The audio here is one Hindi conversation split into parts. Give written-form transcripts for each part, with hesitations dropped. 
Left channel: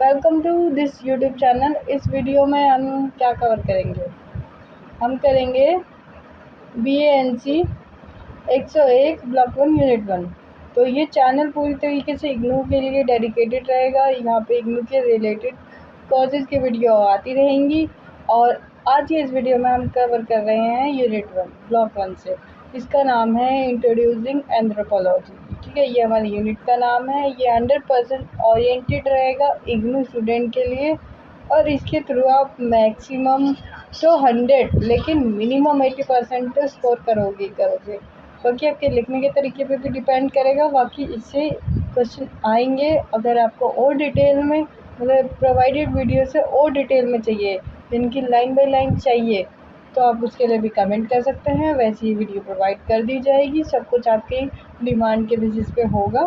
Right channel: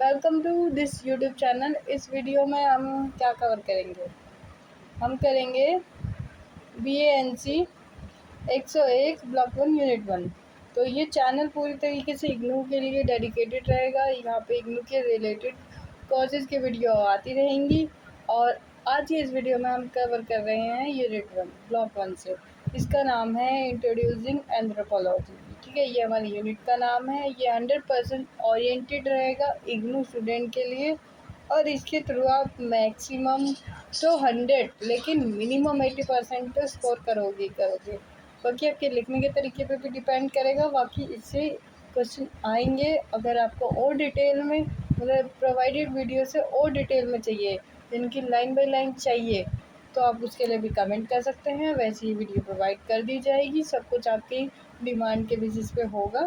Welcome to this YouTube channel. इस वीडियो में हम क्या कवर करेंगे? हम करेंगे BANC 101 ब्लॉक 1 यूनिट 1। तो ये चैनल पूरी तरीके से इग्नू के लिए डेडिकेटेड रहेगा। यहाँ पे इग्नू के रिलेटेड कोर्सेज की वीडियो आती रहेंगी। और आज ये इस वीडियो में हम कवर कर रहे हैं यूनिट 1 ब्लॉक 1 से। इसका नाम है इंट्रोड्यूसिंग एंथ्रोपोलॉजी। ठीक है, ये हमारी यूनिट का नाम है। ये 100% ओरिएंटेड रहेगा इग्नू स्टूडेंट के लिए। और इसके थ्रू आप मैक्सिमम तो 100 लेकिन मिनिमम 80% तो स्कोर करोगे। बाकी आपके लिखने के तरीके पे भी डिपेंड करेगा। बाकी इससे क्वेश्चन आएंगे। अगर आपको और डिटेल में मतलब प्रोवाइडेड वीडियो से और डिटेल में चाहिए, जिनकी लाइन बाय लाइन चाहिए, तो आप उसके लिए भी कमेंट कर सकते हैं। वैसे ही वीडियो प्रोवाइड कर दी जाएगी। सब कुछ आपकी डिमांड के बेसिस पे होगा।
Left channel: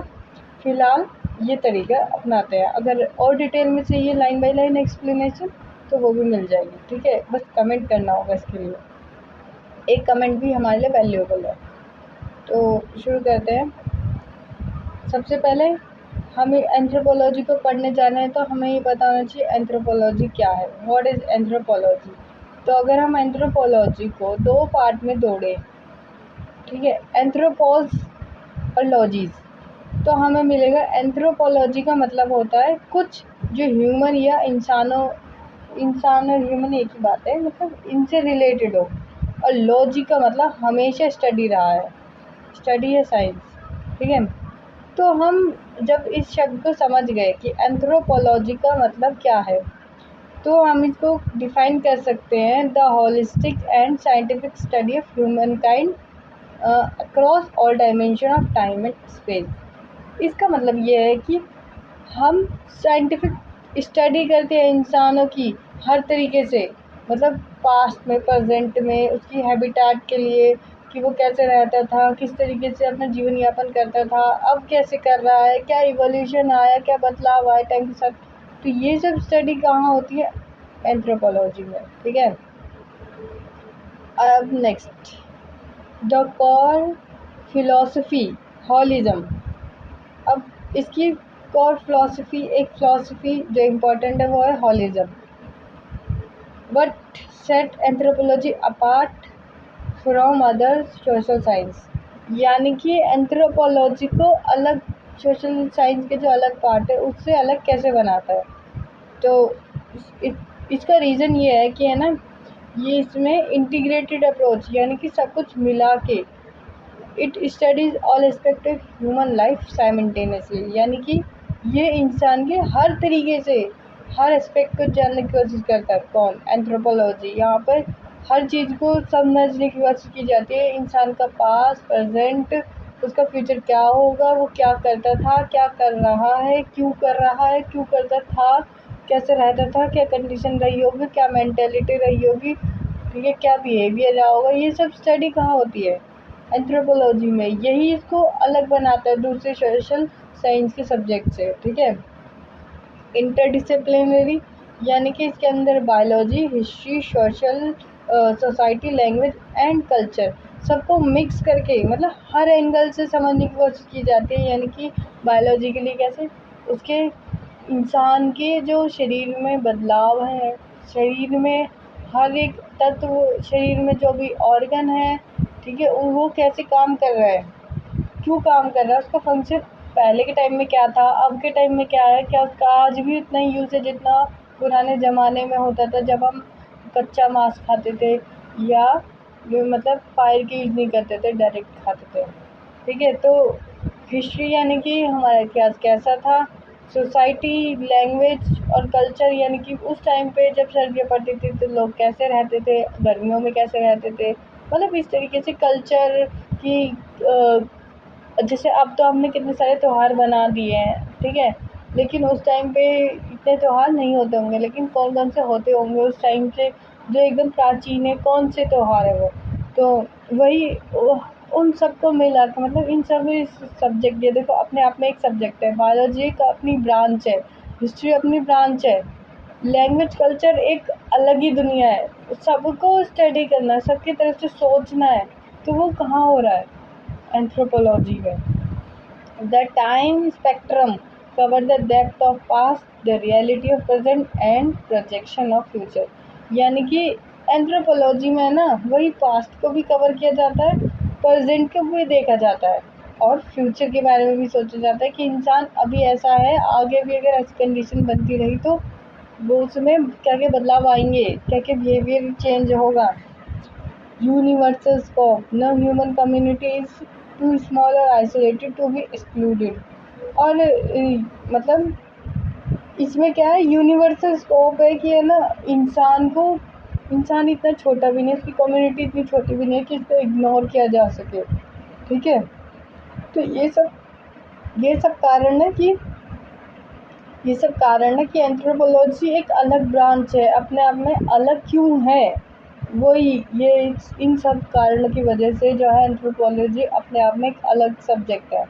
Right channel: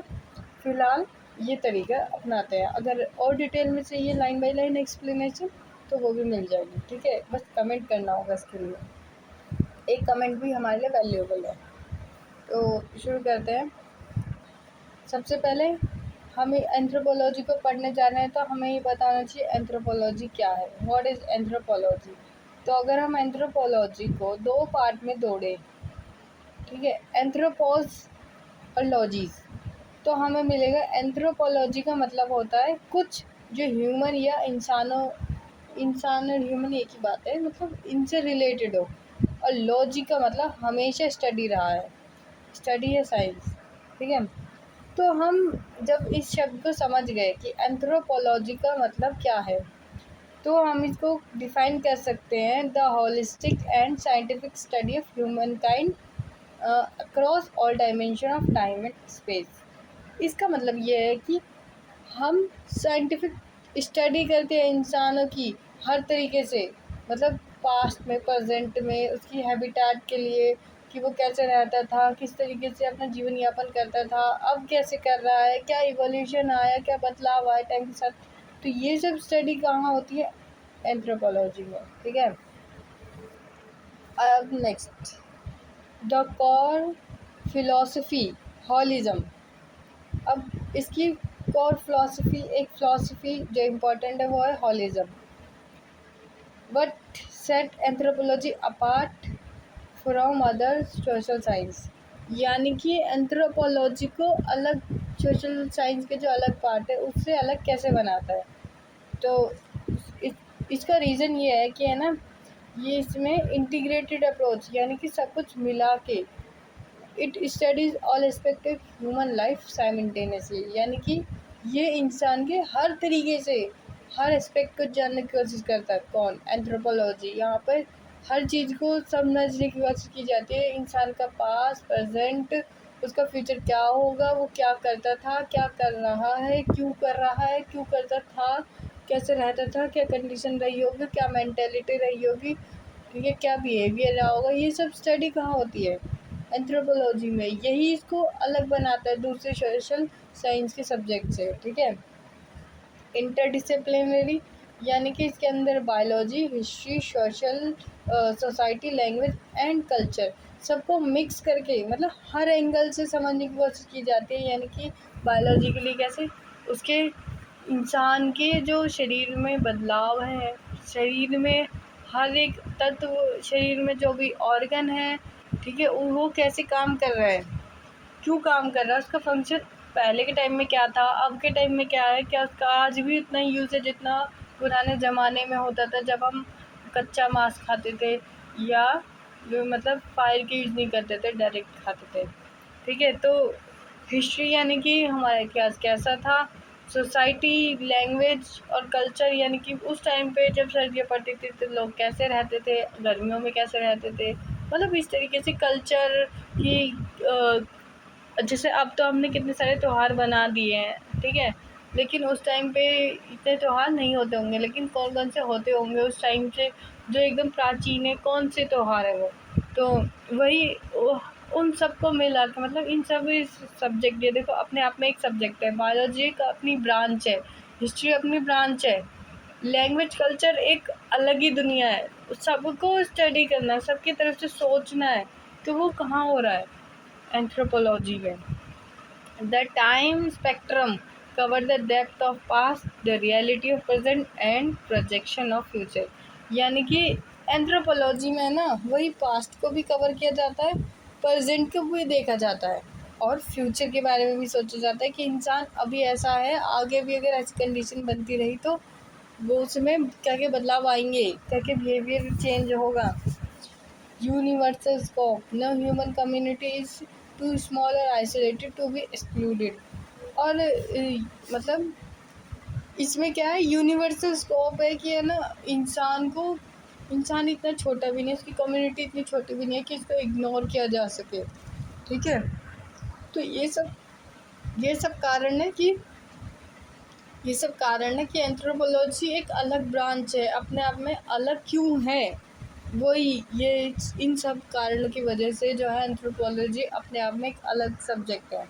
फ़िलहाल ये तरीका अपनाते हैं। अगर और डिटेल में चाहिए लाइन बाय लाइन एक्सप्लेनेशन, तो वो भी मिल जाएगी। ठीक है, बस कमेंट करना होगा। इसके लिए एक कमेंट भी हमारे लिए वैल्यूएबल है। तो शुरू करते हैं। सबसे पहले हमें एंथ्रोपोलॉजी को पढ़ने जाना है, तो हमें ये पता होना चाहिए एंथ्रोपोलॉजी क्या है। What is anthropology? तो अगर हम एंथ्रोपोलॉजी को दो पार्ट में तोड़ें, ठीक है, एंथ्रोपोज और लॉजीज़, तो हमें मिलेगा एंथ्रोपोलॉजी का मतलब होता है कुछ जो ह्यूमन या इंसान और ह्यूमन एक ही बात है, मतलब इनसे रिलेटेड हो। और लॉजी का मतलब हमेशा स्टडी रहा है, स्टडी है साइंस। ठीक है, तो हम जब इस शब्द को समझ गए कि एंथ्रोपोलॉजी का मतलब क्या है, तो हम इसको डिफाइन कर सकते हैं the holistic and scientific study of human kind across all dimension of time and space. इसका मतलब ये है कि हम साइंटिफिक स्टडी करते हैं इंसानों की हर तरीके से, मतलब पास्ट में, प्रेजेंट में, उसकी हैबिटेट के लिए कि वो कैसे रहता था, किस तरीके से अपना जीवन यापन करता था, अब कैसे कर रहा है, क्या इवोल्यूशन आया, क्या बदलाव आया टाइम के साथ। तो ये सब स्टडी कहाँ होती है? एंथ्रोपोलॉजी में। ठीक है, अब next the core philosophy holism. अब इसकी कोर फिलॉसफी, एक फिलॉसफी जो इम्पोर्टेंट है, वो है holism. But set anthropology apart from other social science, यानी कि एंथ्रोपोलॉजी को अलग, सोशल साइंस के जो अलग पार्ट है उससे अलग कैसे बनाता है? तो इसका रीज़न ये है कि है ना, ये इसमें इंटीग्रेटेड अप्रोच, यानी कि सब कुछ मिला के it studies all aspect of human life simultaneously, यानी कि ये इंसान के हर तरीके से हर एस्पेक्ट को जानने की कोशिश करता है। कौन? एंथ्रोपोलॉजी। यहाँ पर हर चीज़ को समझने की कोशिश की जाती है। इंसान का पास्ट, प्रेजेंट, उसका फ्यूचर क्या होगा, वो क्या करता था, क्या कर रहा है, क्यों कर रहा है, क्यों करता था, कैसे रहता था, क्या कंडीशन रही होगी, क्या मेंटेलिटी रही होगी, ठीक है, क्या बिहेवियर रहा होगा। ये सब स्टडी कहाँ होती है? एंथ्रोपोलॉजी में। यही इसको अलग बनाता है दूसरे सोशल साइंस के सब्जेक्ट से। ठीक है, इंटरडिसिप्लिनरी, यानी कि इसके अंदर biology, history, social, society, language and culture सबको मिक्स करके, मतलब हर एंगल से समझने की कोशिश की जाती है। यानी कि बायोलॉजी के लिए कैसे उसके इंसान के जो शरीर में बदलाव है, शरीर में हर एक तत्व, शरीर में जो भी ऑर्गन है, ठीक है, वो कैसे काम कर रहा है, क्यों काम कर रहा है, उसका फंक्शन पहले के टाइम में क्या था, अब के टाइम में क्या है, क्या उसका आज भी उतना ही यूज़ है जितना पुराने ज़माने में होता था, जब हम कच्चा मांस खाते थे या मतलब फायर के यूज़ नहीं करते थे, डायरेक्ट खाते थे। ठीक है, तो हिस्ट्री यानी कि हमारा इतिहास कैसा था, सोसाइटी, लैंग्वेज और कल्चर, यानी कि उस टाइम पे जब सर्दियाँ पड़ती थी तो लोग कैसे रहते थे, गर्मियों में कैसे रहते थे, मतलब इस तरीके से कल्चर की जैसे अब तो हमने कितने सारे त्यौहार बना दिए हैं। ठीक है, लेकिन उस टाइम पे इतने त्यौहार नहीं होते होंगे, लेकिन कौन कौन से होते होंगे उस टाइम से जो एकदम प्राचीन है, कौन से त्यौहार है वो? तो वही उन सबको मिला के, मतलब इन सब सब्जेक्ट, ये देखो अपने आप में एक सब्जेक्ट है, बायोलॉजी एक अपनी ब्रांच है, हिस्ट्री अपनी ब्रांच है, लैंग्वेज, कल्चर एक अलग ही दुनिया है। सबको स्टडी करना है, सबकी तरफ से सोचना है, तो वो कहाँ हो रहा है? एंथ्रोपोलॉजी में। The time spectrum, cover the depth of past, the reality of present and projection of future. यानी कि एंथ्रोपोलॉजी में ना वही पास्ट को भी कवर किया जाता है, प्रेजेंट को भी देखा जाता है और फ्यूचर के बारे में भी सोचा जाता है कि इंसान अभी ऐसा है, आगे भी अगर ऐसी कंडीशन बनती रही तो वो उसमें क्या क्या बदलाव आएंगे, क्या क्या बिहेवियर चेंज होगा। Universal scope, no human community is too small और आइसोलेटेड टू बी एक्सक्लूडेड। और मतलब इसमें क्या है, यूनिवर्सल स्कोप है कि है ना इंसान इतना छोटा भी नहीं, उसकी कम्युनिटी इतनी छोटी भी नहीं है कि इसको इग्नोर किया जा सके। ठीक है, तो ये सब कारण है कि एंथ्रोपोलॉजी एक अलग ब्रांच है, अपने आप में अलग क्यों है। वही ये इन सब कारणों की वजह से जो है एंथ्रोपोलॉजी अपने आप में एक अलग सब्जेक्ट है।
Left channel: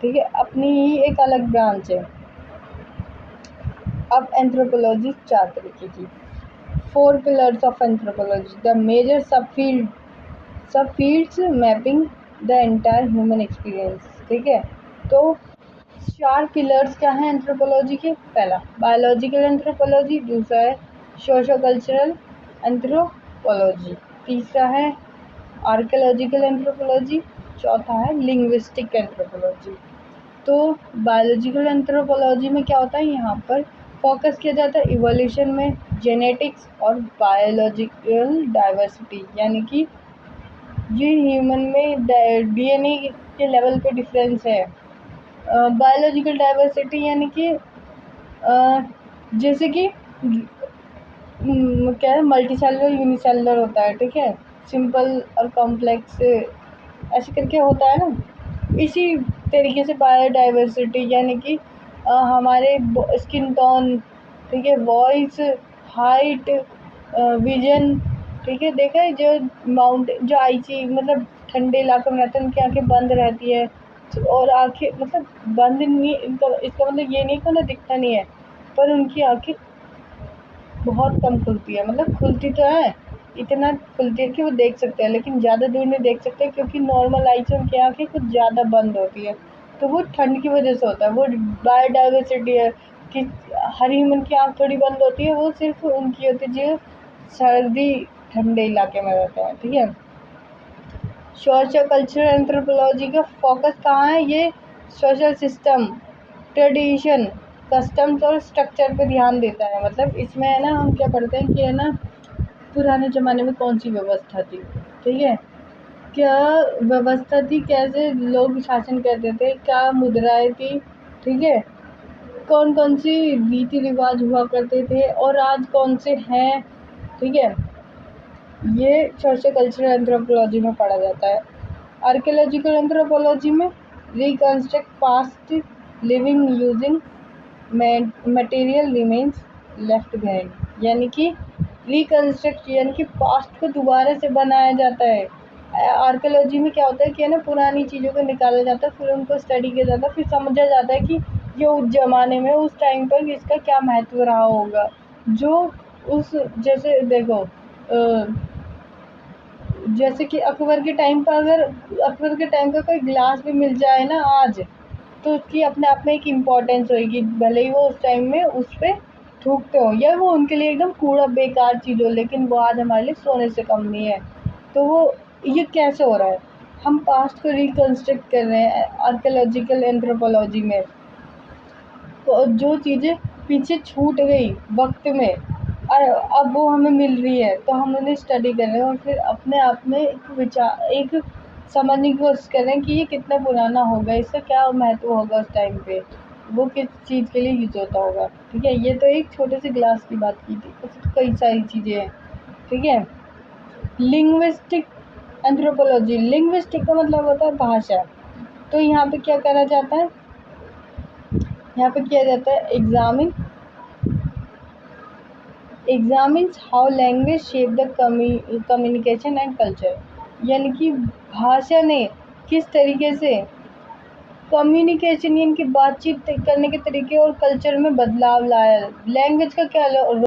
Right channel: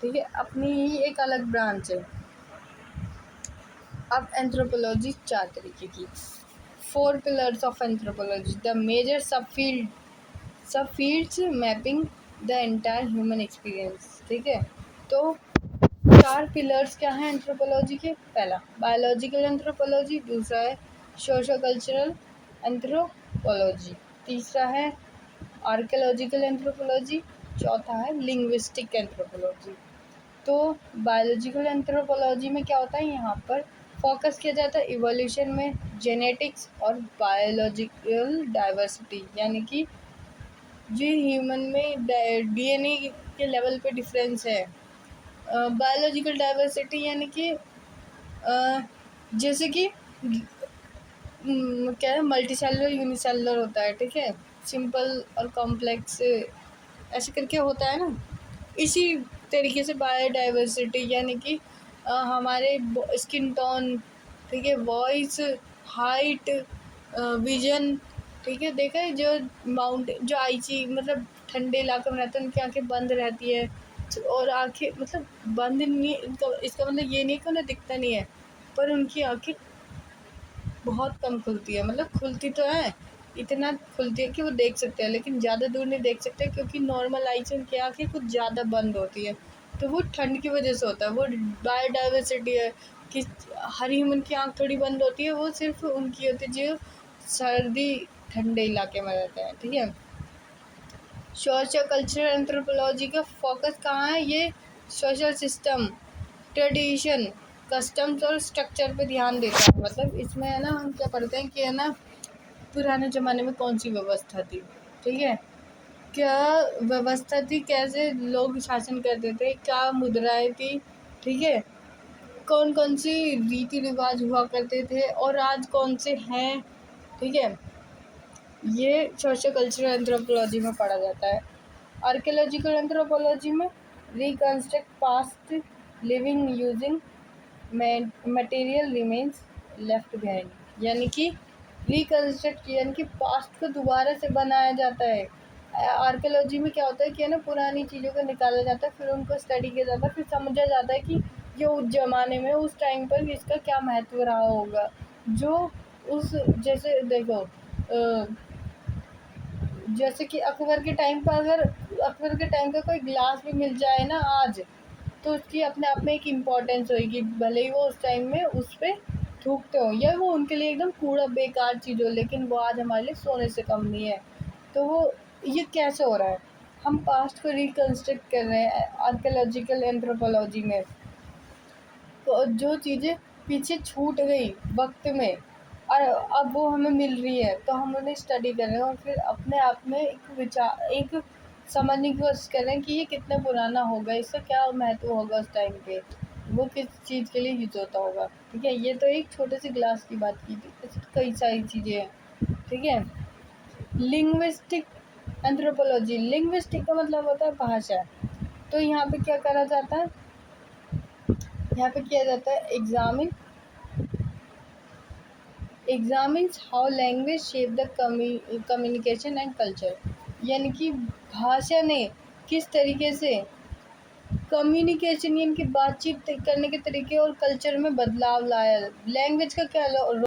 ठीक है, अपनी ही एक अलग ब्रांच है। अब एंथ्रोपोलॉजी 4 तरीके की, 4 pillars of anthropology, the major subfields mapping the entire human experience. ठीक है, तो 4 पिलर्स क्या हैं एंथ्रोपोलॉजी के। पहला बायोलॉजिकल एंथ्रोपोलॉजी, दूसरा है सोशो कल्चरल एंथ्रोपोलॉजी, तीसरा है आर्कियोलॉजिकल एंथ्रोपोलॉजी, चौथा है लिंग्विस्टिक एंथ्रोपोलॉजी। तो बायोलॉजिकल एंथ्रोपोलॉजी में क्या होता है, यहाँ पर फोकस किया जाता है इवोल्यूशन में, जेनेटिक्स और बायोलॉजिकल डाइवर्सिटी, यानी कि जो ह्यूमन में डीएनए के लेवल पे डिफरेंस है। बायोलॉजिकल डाइवर्सिटी यानी कि जैसे कि क्या है, मल्टी सेलुलर यूनिसेलुलर होता है। ठीक है, सिंपल और कॉम्प्लेक्स ऐसे करके होता है ना। इसी तरीके से बायोडाइवर्सिटी यानी कि हमारे स्किन टोन, ठीक है, वॉइस, हाइट, विजन। ठीक है, देखा है जो जो आइची मतलब ठंडे इलाके में रहते हैं उनकी आंखें बंद रहती है, और आंखें मतलब बंद नहीं, इसका मतलब ये नहीं कि उन्हें दिखता नहीं है, पर उनकी आंखें बहुत कम खुलती है। मतलब खुलती तो है, इतना खुलती है कि वो देख सकते हैं, लेकिन ज़्यादा दूर नहीं देख सकते क्योंकि नॉर्मल आई से उनकी आंखें कुछ ज़्यादा बंद होती है। तो वो ठंड की वजह से होता है, वो बायोडाइवर्सिटी है कि हर ह्यूमन की आँख थोड़ी बंद होती है, वो सिर्फ उनकी होती है जो सर्दी ठंडे इलाके में रहते हैं। ठीक है, सोशल कल्चरल एंथ्रोपोलॉजी का फोकस कहाँ है, ये सोशल सिस्टम, ट्रेडिशन, कस्टम्स और स्ट्रक्चर पे ध्यान देता है। मतलब इसमें है ना हम क्या पढ़ते हैं कि है ना पुराने ज़माने में कौन सी व्यवस्था थी। ठीक है, क्या व्यवस्था थी, कैसे लोग शासन करते थे, क्या मुद्राएं थी। ठीक है, कौन कौन सी रीति रिवाज हुआ करते थे और आज कौन से हैं। ठीक है, ये सोशल कल्चरल एंथ्रोपोलॉजी में पढ़ा जाता है। आर्कियोलॉजिकल एंथ्रोपोलॉजी में reconstruct past living using material remains left behind, यानी कि रिकन्स्ट्रक्ट यानी कि पास्ट को दोबारा से बनाया जाता है। आर्कियोलॉजी में क्या होता है कि है ना पुरानी चीज़ों को निकाला जाता है, फिर उनको स्टडी किया जाता है, फिर समझा जाता है कि ये उस ज़माने में उस टाइम पर इसका क्या महत्व रहा होगा। जो उस जैसे देखो जैसे कि अकबर के टाइम पर अगर अकबर के टाइम का कोई ग्लास भी मिल जाए ना आज, तो उसकी अपने आप में एक इम्पोर्टेंस होगी, भले ही वो उस टाइम में उस पर थूकते हो या वो उनके लिए एकदम कूड़ा बेकार चीज़ हो, लेकिन वो आज हमारे लिए सोने से कम नहीं है। तो वो ये कैसे हो रहा है, हम पास्ट को रिकन्स्ट्रक्ट कर रहे हैं आर्कियोलॉजिकल एंथ्रोपोलॉजी में। तो जो चीज़ें पीछे छूट गई वक्त में और अब वो हमें मिल रही है, तो हम उन्हें स्टडी कर रहे हैं और फिर अपने आप में एक समझने की कोशिश कर रहे हैं कि ये कितना पुराना होगा, इसका क्या महत्व होगा उस टाइम पे, वो किस चीज़ के लिए यूज़ होता होगा। ठीक है, ये तो एक छोटे से ग्लास की बात की थी, उसमें कई सारी चीज़ें हैं। ठीक है, लिंग्विस्टिक एंथ्रोपोलॉजी, लिंग्विस्टिक का मतलब होता है भाषा। तो यहाँ पे क्या करा जाता है, यहाँ पे किया जाता है examines how language shape the communication and culture, यानी कि भाषा ने किस तरीके से कम्युनिकेशन यानी कि बातचीत करने के तरीके और कल्चर में बदलाव लाया। लैंग्वेज का क्या